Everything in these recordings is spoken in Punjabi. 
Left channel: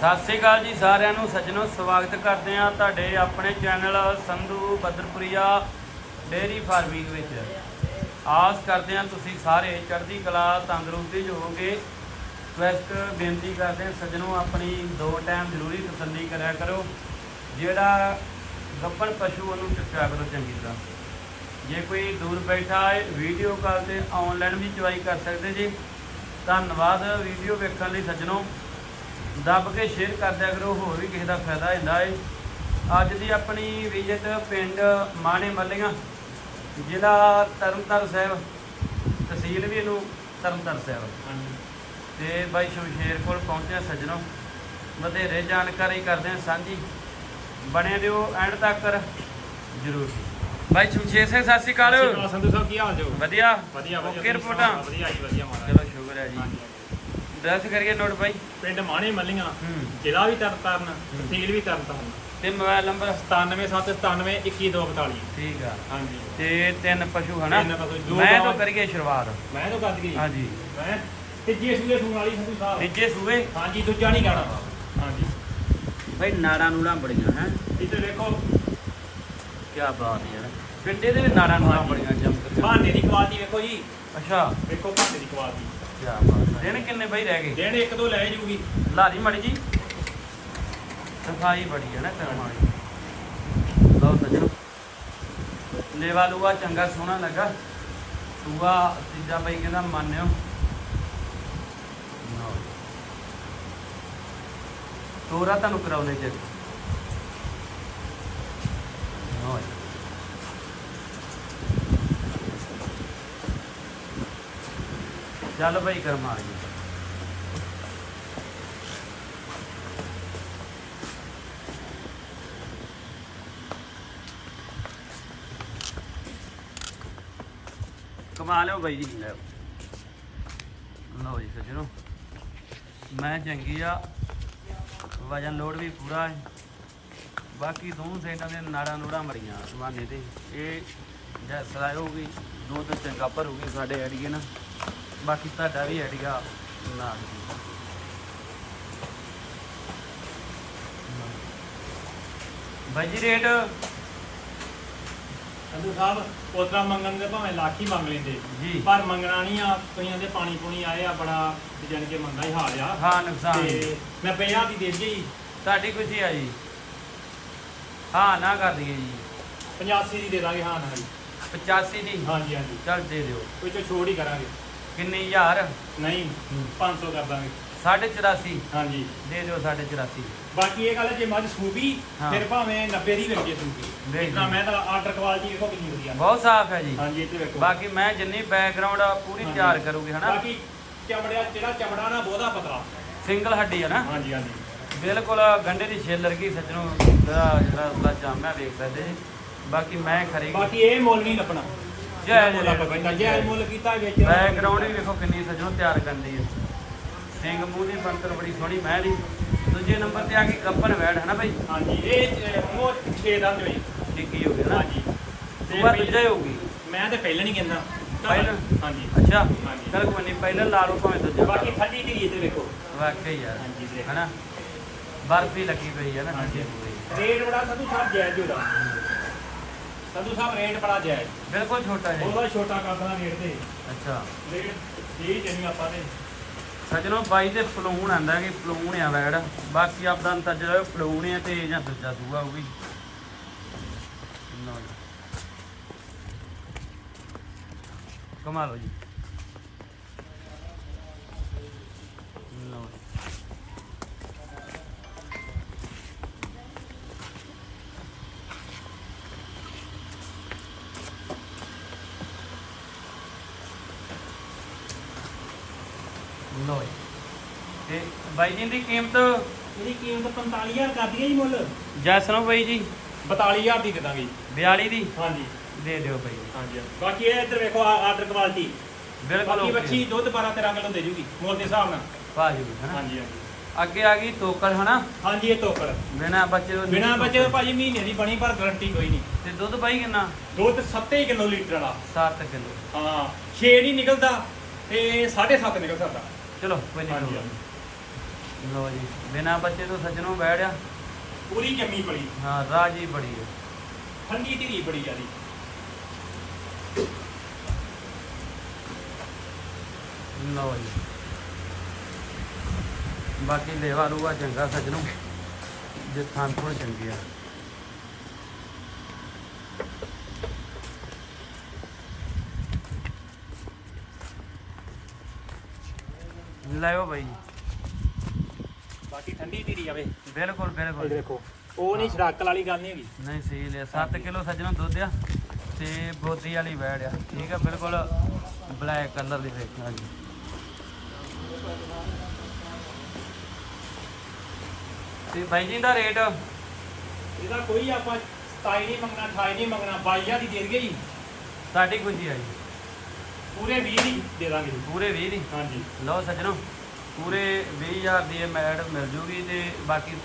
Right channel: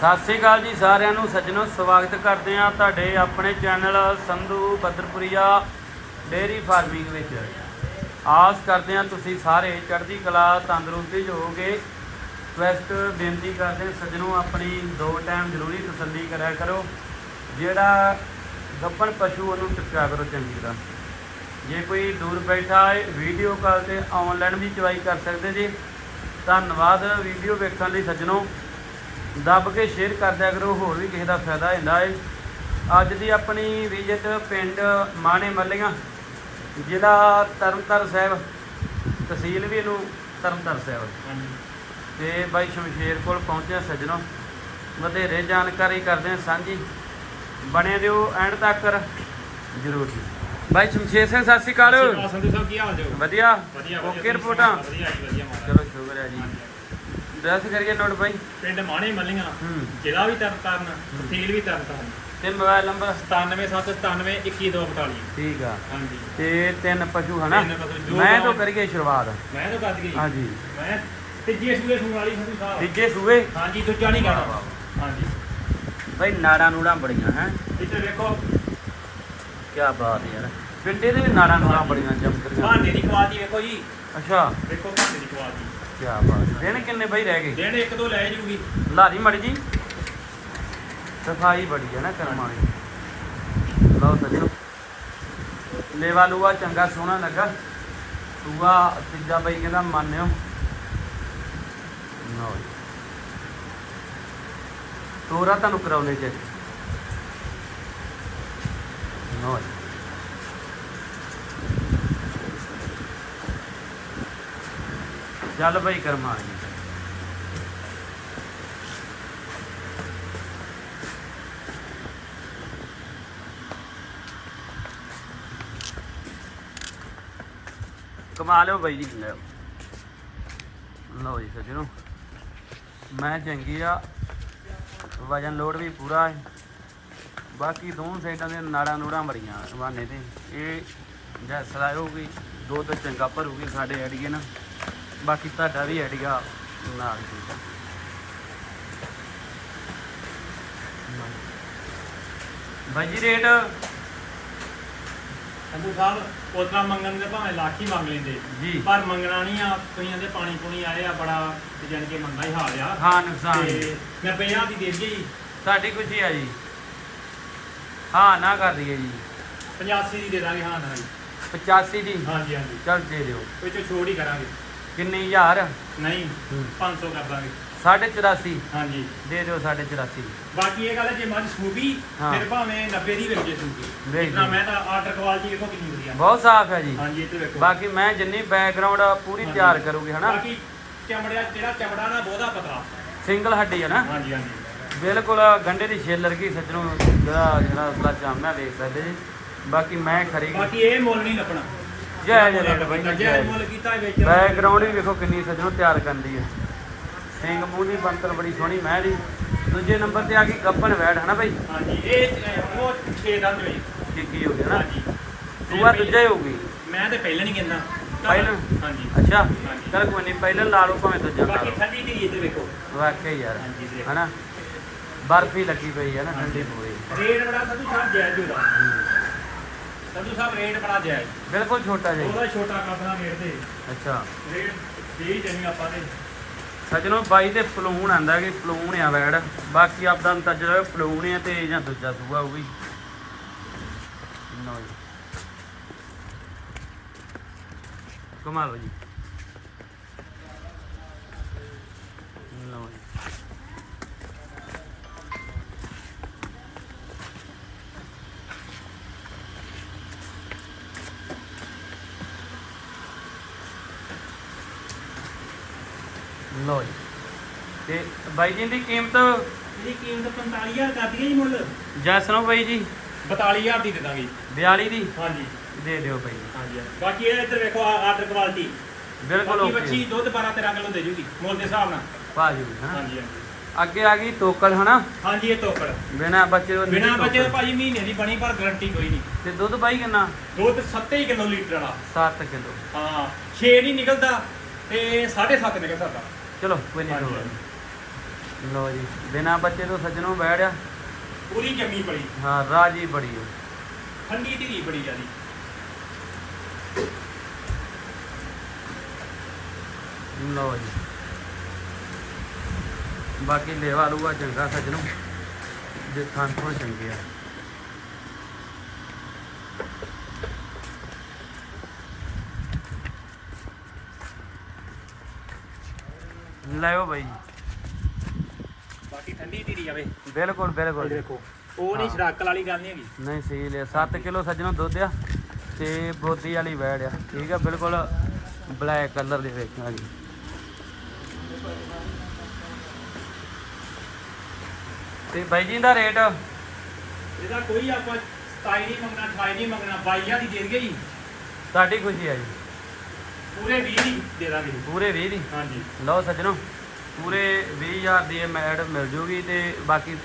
ਸਤਿ ਸ੍ਰੀ ਅਕਾਲ ਜੀ ਸਾਰਿਆਂ ਨੂੰ, ਸੱਜਣੋ, ਸਵਾਗਤ ਕਰਦੇ ਆ ਤੁਹਾਡੇ ਆਪਣੇ channel Sandhu Badarpuria dairy farming ਵਿੱਚ। ਆਸ ਕਰਦੇ ਆ ਤੁਸੀਂ ਸਾਰੇ ਚੜ੍ਹਦੀ ਕਲਾ, ਤੰਦਰੁਸਤੀ 'ਚ ਹੋਵੋਗੇ। ਰਿਕਵੈਸਟ ਬੇਨਤੀ ਕਰਦੇ ਹਾਂ ਸੱਜਣੋ, ਆਪਣੀ ਦੋ ਟਾਈਮ ਜ਼ਰੂਰੀ ਤਸੱਲੀ ਕਰਿਆ ਕਰੋ। ਜਿਹੜਾ ਗੱਪਣ ਪਸ਼ੂ ਉਹਨੂੰ ਟਿਕਿਆ ਕਰੋ ਚੰਗੀ ਤਰ੍ਹਾਂ। ਜੇ ਕੋਈ ਦੂਰ ਬੈਠਾ ਹੈ ਵੀਡੀਓ ਕਾਲ ਤੇ ਆਨਲਾਈਨ ਵੀ ਚਵਾਈ ਕਰ ਸਕਦੇ ਜੀ। ਧੰਨਵਾਦ ਵੀਡੀਓ ਵੇਖਣ ਲਈ ਸੱਜਣੋ। ਦੱਬ ਕੇ ਸ਼ੇਅਰ ਕਰ ਦਿਆ ਕਰੋ ਹੋਰ ਵੀ ਕਿਸੇ ਦਾ ਫਾਇਦਾ ਹੁੰਦਾ ਹੈ ਅੱਜ ਦੀ ਆਪਣੀ ਵਿਜ਼ਿਟ ਪਿੰਡ ਮਾਣੇ ਮੱਲੀਆਂ ਜ਼ਿਲ੍ਹਾ ਤਰਨਤਾਰਨ ਸਾਹਿਬ ਤਹਿਸੀਲ ਵੀ ਇਹਨੂੰ ਤਰਨਤਾਰਨ ਸਾਹਿਬ। ਤੇ ਬਾਈ ਸ਼ਮਸ਼ੇਰ ਕੋਲ ਪਹੁੰਚਿਆ ਸੱਜਣੋ। ਵਧੇਰੇ ਜਾਣਕਾਰੀ ਕਰਦੇ ਹਾਂ ਸਾਂਝੀ। ਬਣੇ ਦਿਓ ਐਂਡ ਤੱਕ ਜ਼ਰੂਰ। ਬਾਈ ਸ਼ਮਸ਼ੇਰ ਸਿੰਘ ਸਤਿ ਸ਼੍ਰੀ ਅਕਾਲ। ਸੰਧੂ ਸਾਹਿਬ ਕੀ ਹਾਲ ਜੋ ਵਧੀਆ। ਵਧੀਆ ਓਕੇ ਰਿਪੋਰਟਾਂ? ਵਧੀਆ ਜੀ ਵਧੀਆ ਮਹਾਰਾਜ। ਚਲੋ ਸ਼ੁਕਰ ਹੈ ਜੀ। ਦੱਸ ਕਰੀਏ ਨੋਟ ਬਾਈ। ਪਿੰਡ ਮਾਣੇ ਮੱਲੀਆਂ ਹੂੰ। ਜ਼ਿਲ੍ਹਾ ਵੀ ਤਰਨਤਾਰਨ ਤਹਿਸੀਲ ਵੀ ਤਰਨਤਾਰਨ ਤੇ ਮੋਬਾਈਲ ਨੰਬਰ 9797 21242 ਠੀਕ ਆ। ਹਾਂਜੀ। ਤੇ ਤਿੰਨ ਪਸ਼ੂ ਹਨਾ? ਤਿੰਨ ਪਸ਼ੂ, ਜੋ ਮੈਂ ਤੋਂ ਕਰੀਏ ਸ਼ੁਰੂਆਤ। ਮੈਂ ਤਾਂ ਕੱਦ ਗਈ। ਹਾਂਜੀ। ਮੈਂ ਤੀਜੇ ਸੂਏ ਸੁਣ ਵਾਲੀ ਸੰਧੂ ਸਾਹਿਬ ਤੀਜੇ ਸੂਏ? ਹਾਂਜੀ ਦੂਜਾ ਨਹੀਂ ਗਾਣਾ ਹਾਂਜੀ। ਬਾਈ ਨਾੜਾਂ ਨੂੜਾਂ ਬੜੀਆਂ ਹੈ। ਇੱਥੇ ਵੇਖੋ। ਕੀ ਬਾਤ ਹੈ ਯਾਰ। ਪਿੰਡੇ ਦੇ ਵੀ ਨਾੜਾਂ ਨੂੜਾਂ ਬੜੀਆਂ ਚਮਕ ਰਹੀਆਂ ਭਾਂਡੇ ਦੀ ਕੁਆਲਿਟੀ ਵੇਖੋ ਜੀ। ਅੱਛਾ। ਵੇਖੋ ਭਾਂਡੇ ਦੀ ਕੁਆਲਿਟੀ ਕੀ ਬਾਤ ਹੈ। ਦਿਨ ਕਿੰਨੇ ਬਾਈ ਰਹਿ ਗਏ? ਦੇਣ ਇੱਕ ਦੋ ਲੈ ਜੂਗੀ। ਲਾਰੀ ਮੜੀ ਜੀ। ਸਫ਼ਾਈ ਬੜੀ ਹੈ ਨਾ ਕਰਮ ਵਾਲੀ। ਲਓ ਸੱਜਣੋ ਲੇਵਾ ਲੂਆ ਚੰਗਾ ਸੋਹਣਾ ਲੱਗਾ। ਸੂਆ ਤੀਜਾ ਬਾਈ ਕਹਿੰਦਾ ਮੰਨਿਓ। ਜੀ। ਤੋਰਾ ਤੁਹਾਨੂੰ ਕਰਾਉਣੇ ਚ ਲਓ ਚੱਲ ਬਾਈ ਕਰਮਾ ਜੀ। ਕਮਾ ਲਿਓ ਬਾਈ ਜੀ, ਲੈ ਲਓ ਜੀ ਸੱਜਣੋ, ਮੈਂ ਚੰਗੀ ਆ, ਵਜਨ ਲੋਡ ਵੀ ਪੂਰਾ ਹੈ। ਬਾਕੀ ਦੋਨੋਂ ਸਾਈਡਾਂ ਦੇ ਨਾੜਾਂ ਨੂੜਾਂ ਮਰੀਆਂ ਸਵਾਨੇ ਤੇ। ਇਹ ਜੈ ਸਲਾਈ ਹੋਊਗੀ, ਦੋ ਤੋਂ ਚੰਗਾ ਭਰੂਗੀ ਸਾਡੇ ਐਡੀਏ ਨਾਲ। ਬਾਕੀ ਤੁਹਾਡਾ ਵੀ ਐਡੀਆ ਨਾਲ ਜੀ। ਜੀ ਰੇਟ? ਸੰਧੂ ਸਾਹਿਬ ਉਤਰਾ ਮੰਗਣ ਦੇ ਭਾਵੇਂ ਲੱਖ ਹੀ ਮੰਗ ਲੈਂਦੇ। ਜੀ। ਪਰ ਮੰਗਣਾ ਨਹੀਂ ਆ ਕਈਆਂ ਦੇ ਪਾਣੀ ਪੁਣੀ ਆਏ ਆ ਬੜਾ ਤੇ ਜਾਣ ਕੇ ਮੰਗਣਾ ਹੀ ਹਾਲ ਆ। ਹਾਂ ਨੁਕਸਾਨ। ਤੇ ਮੈਂ 50 ਦੀ ਦੇ ਦਿੱਤੀ। ਸਾਡੀ ਖੁਸ਼ੀ ਆ ਜੀ। ਹਾਂ ਨਾ ਕਰ ਦਈਏ ਜੀ। 85 ਦੀ ਦੇ ਦਾਂਗੇ ਹਾਂ ਨਾ ਜੀ। 85 ਦੀ? ਹਾਂਜੀ ਹਾਂਜੀ। ਚੱਲ ਦੇ ਦਿਓ। ਕੋਈ ਚੋ ਛੋੜ ਹੀ ਕਰਾਂਗੇ। ਕਿੰਨੀ ਹਜ਼ਾਰ? ਨਹੀਂ 500 ਕਰ ਦਾਂਗੇ। 84 ਹਾਂਜੀ। ਦੇ ਦਿਓ 84 ਬਾਕੀ ਇਹ ਗੱਲ ਹੈ ਜੇ ਮੱਝ ਸੂਬੀ ਹਾਂ। ਫਿਰ ਭਾਵੇਂ 90 ਦੀ ਜੇ ਸੂਬੀ ਵੇਖ ਜਿਤਨਾ ਜੀ। ਮੈਂ ਤਾਂ ਆਰਡਰ ਕੁਆਲਿਟੀ ਵੇਖੋ ਕਿੰਨੀ ਵਧੀਆ ਬਹੁਤ ਸਾਫ਼ ਹੈ ਜੀ। ਹਾਂਜੀ ਇੱਥੇ ਵੇਖੋ। ਬਾਕੀ ਮੈਂ ਜਿੰਨੀ ਬੈਕਗ੍ਰਾਉਂਡ ਪੂਰੀ ਹਾਂਜੀ। ਤਿਆਰ ਕਰੂਗੀ ਹਨਾ? ਬਾਕੀ ਚਮੜਿਆ ਜਿਹੜਾ ਚਮੜਾ ਨਾ ਬਹੁਤਾ ਪਤਲਾ। ਸਿੰਗਲ ਹੱਡੀ ਹੈ ਨਾ? ਹਾਂਜੀ ਹਾਂਜੀ। ਬਿਲਕੁਲ ਗੰਡੇ ਦੀ ਛੇਲ ਲਰਗੀ ਸੱਜਣੋਂ ਜਿਹੜਾ ਜਿਹੜਾ ਉਸਦਾ ਜਾਮਿਆ ਵੇਖ ਸਕਦੇ ਜੀ ਬਾਕੀ ਮੈਂ ਖਰੀ ਬਾਕੀ ਇਹ ਮੁੱਲ ਨਹੀਂ ਲੱਭਣਾ। ਜੈ ਮੁੱਲ ਜੈ ਲੱਭਣਾ ਜੈ ਮੁੱਲ ਕੀਤਾ ਇਹ ਵਿੱਚ। ਬੈਕਗ੍ਰਾਉਂਡ ਵੀ ਵੇਖੋ ਕਿੰਨੀ ਸੱਜਣੋਂ ਤਿਆਰ ਕਰਦੀ ਹੈ। ਸਿੰਘ ਮੂੰਹ ਦੀ ਬੰਤਰ ਬੜੀ ਸੋਹਣੀ ਮੈਂ ਦੀ ਦੂਜੇ ਨੰਬਰ ਤੇ ਆ ਕੇ ਗੱਪਨ ਵੈੜ ਹਨਾ ਭਾਈ ਹਾਂਜੀ ਇਹ ਉਹ 6 ਦੰਦ ਹੋਈ ਟਿੱਕੀ ਹੋ ਗਿਆ ਨਾ। ਹਾਂਜੀ। ਦੂਆ ਦੂਜਾ ਹੀ ਹੋਊਗੀ ਮੈਂ ਤੇ ਪਹਿਲਾਂ ਨਹੀਂ ਕਹਿੰਦਾ। ਪਹਿਲਾਂ? ਹਾਂਜੀ। ਅੱਛਾ। ਚਲ ਕੋਈ ਨਹੀਂ ਪਹਿਲਾਂ ਲਾ ਲਓ ਭਾਵੇਂ ਦੂਜਾ ਬਾਕੀ ਠੰਡੀ ਦੀ ਇਹ ਤੇ ਵੇਖੋ। ਵਾਕਈ ਯਾਰ। ਹਾਂਜੀ ਜੀ। ਹਨਾ? ਬਰਫੀ ਲੱਗੀ ਪਈ ਹੈ ਨਾ ਠੰਡੀ ਪੂਰੀ। ਰੇਟ ਬੜਾ ਸੰਧੂ ਸਾਹਿਬ ਜਾਇਜ਼ ਹੋਦਾ ਸੰਧੂ ਸਾਹਿਬ ਰੇਟ ਬੜਾ ਜਾਇਜ਼। ਬਿਲਕੁਲ ਛੋਟਾ ਜਿਹਾ ਉਹਦਾ ਛੋਟਾ ਕਰਦਾ ਰੇਟ ਤੇ। ਅੱਛਾ। ਰੇਟ ਦੇ ਹੀ ਦੇਣੀ ਆਪਾਂ ਤੇ। ਸਜਣੋ ਬਾਈ ਤੇ ਫਲੂਣ ਆਂਦਾ ਕਿ ਫਲੂਣ ਆ ਵੈੜ। ਬਾਕੀ ਆਪਦਾ ਅੰਤਰ ਜਿਹੜਾ ਫਲੂਣ ਆ ਤੇ ਜਾਂ ਦੂਜਾ ਸੂਆ ਹੋਊਗੀ ਲਓ ਜੀ। ਕਮਾਲ ਜੀ। ਲਓ ਜੀ ਤੇ ਬਾਈ ਜੀ ਦੀ ਕੀਮਤ? ਇਹਦੀ ਕੀਮਤ 45000 ਕਰਦੀ ਹੈ ਜੀ ਮੁੱਲ। ਜੈਸਨੋ ਬਾਈ ਜੀ। 42000 ਦੀ ਦੇ ਦਾਂਗੇ 42 ਦੀ? ਹਾਂਜੀ। ਦੇ ਦਿਓ ਬਾਈ। ਹਾਂਜੀ। ਬਾਕੀ ਇਹ ਇੱਧਰ ਵੇਖੋ ਆਰਡਰ ਕੁਆਲਿਟੀ। ਬਿਲਕੁਲ ਬਾਕੀ। ਬੱਚੀ ਦੁੱਧ 12 13 ਕਿਲੋ ਦੇ ਜੂਗੀ ਮੁੱਲ ਦੇ ਹਿਸਾਬ ਨਾਲ। ਭਾਜੀ ਹਨਾ ਹਾਂਜੀ ਹਾਂਜੀ। ਅੱਗੇ ਆ ਗਈ ਤੋਕਲ ਹਨਾ ਹਾਂਜੀ ਇਹ ਤੋਕੜ। ਬਿਨਾ ਬੱਚੇ ਤੋਂ ਬਿਨਾ ਨਹੀਂ ਬੱਚੇ ਤੋਂ ਤੋਕੜ। ਭਾਜੀ ਮਹੀਨੇ ਦੀ ਬਣੀ ਪਰ ਗਾਰੰਟੀ ਕੋਈ ਨਹੀਂ। ਤੇ ਦੁੱਧ ਬਾਈ ਕਿੰਨਾ? ਦੁੱਧ 7 ਕਿਲੋ ਲੀਟਰ ਵਾਲਾ। 7 ਕਿਲੋ। ਹਾਂ 6 ਨਹੀਂ ਨਿਕਲਦਾ ਤੇ 7.5 ਨਿਕਲ ਸਕਦਾ। ਚਲੋ ਕੋਈ ਨਹੀਂ ਹਾਂਜੀ, ਕੋਈ ਹਾਂਜੀ। ਲੋ ਜੀ ਬਿਨਾ ਬੱਚੇ ਤੋਂ ਸੱਜਣੋਂ ਬੈੜਿਆ ਪੂਰੀ ਜੰਮੀ ਬੜੀ ਹਾਂ ਰਾਜੀ ਬੜੀ ਹੈ। ਠੰਡੀ ਧੀਰੀ ਬੜੀ ਜਿਆਦੀ। ਲੋ ਜੀ। ਬਾਕੀ ਲੇਵਾ ਲੂਆ ਚੰਗਾ ਸੱਜਣੋਂ। ਜੇ ਤੋਂ ਚੰਗੀ ਆ। ਲਾਇਓ ਬਾਈ। ਬਾਕੀ ਠੰਡੀ ਧੀਰੀ ਆਵੇ ਬਿਲਕੁਲ ਬਿਲਕੁਲ। ਦੇਖੋ ਉਹ ਨਹੀਂ ਛੜਾਕਲ ਵਾਲੀ ਗੱਲ ਨਹੀਂ ਹੈਗੀ। ਨਹੀਂ ਸਹੀ ਲਿਆ। 7 ਕਿਲੋ ਸੱਜਣੋਂ ਦੁੱਧ ਆ ਤੇ ਬੋਦੀ ਵਾਲੀ ਵੈੜ ਆ। ਠੀਕ ਆ ਬਿਲਕੁਲ ਬਲੈਕ ਕਲਰ ਦੀ ਵੇਖਣਾ ਜੀ। ਤੇ ਬਾਈ ਜੀ ਦਾ ਰੇਟ? ਇਹਦਾ ਕੋਈ ਆਪਾਂ 27 ਨਹੀਂ ਮੰਗਣਾ 28 ਨਹੀਂ ਮੰਗਣਾ 22000 ਦੀ ਦੇ ਜੀ। ਸਾਡੀ ਖੁਸ਼ੀ ਆ ਜੀ। ਪੂਰੇ 20 ਦੀ ਦੇ ਦਾਂਗੇ ਜੀ। ਪੂਰੇ 20 ਦੀ? ਹਾਂਜੀ। ਲਓ ਸੱਜਣੋ ਪੂਰੇ 20000 ਦੀ ਇਹ ਮੈਡ ਮਿਲ ਜੂਗੀ ਤੇ ਬਾਕੀ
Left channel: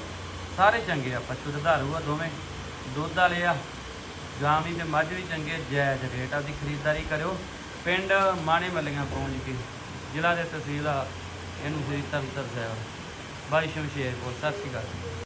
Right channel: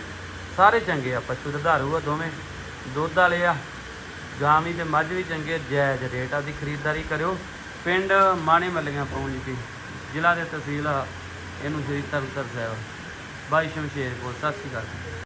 ਸਾਰੇ ਚੰਗੇ ਆ ਪਸ਼ੂ ਦੁਧਾਰੂ ਆ ਦੋਵੇਂ। ਦੁੱਧ ਵਾਲੇ ਆ ਗਾਂ ਵੀ ਤੇ ਮੱਝ ਵੀ ਚੰਗੇ ਜਾਇਜ਼ ਰੇਟ ਆ ਦੀ ਖਰੀਦਦਾਰੀ ਕਰਿਓ। ਪਿੰਡ ਮਾਣੇ ਮੱਲੀਆਂ ਪਹੁੰਚ ਕੇ ਜ਼ਿਲ੍ਹਾ ਦੇ ਤਹਿਸੀਲ ਆ ਇਹਨੂੰ ਸ੍ਰੀ ਤਰਨਤਾਰਨ ਸਾਹਿਬ। ਬਾਈ ਸ਼ਮਸ਼ੇਰਪੁਰ ਸਤਿ ਸ਼੍ਰੀ ਅਕਾਲ।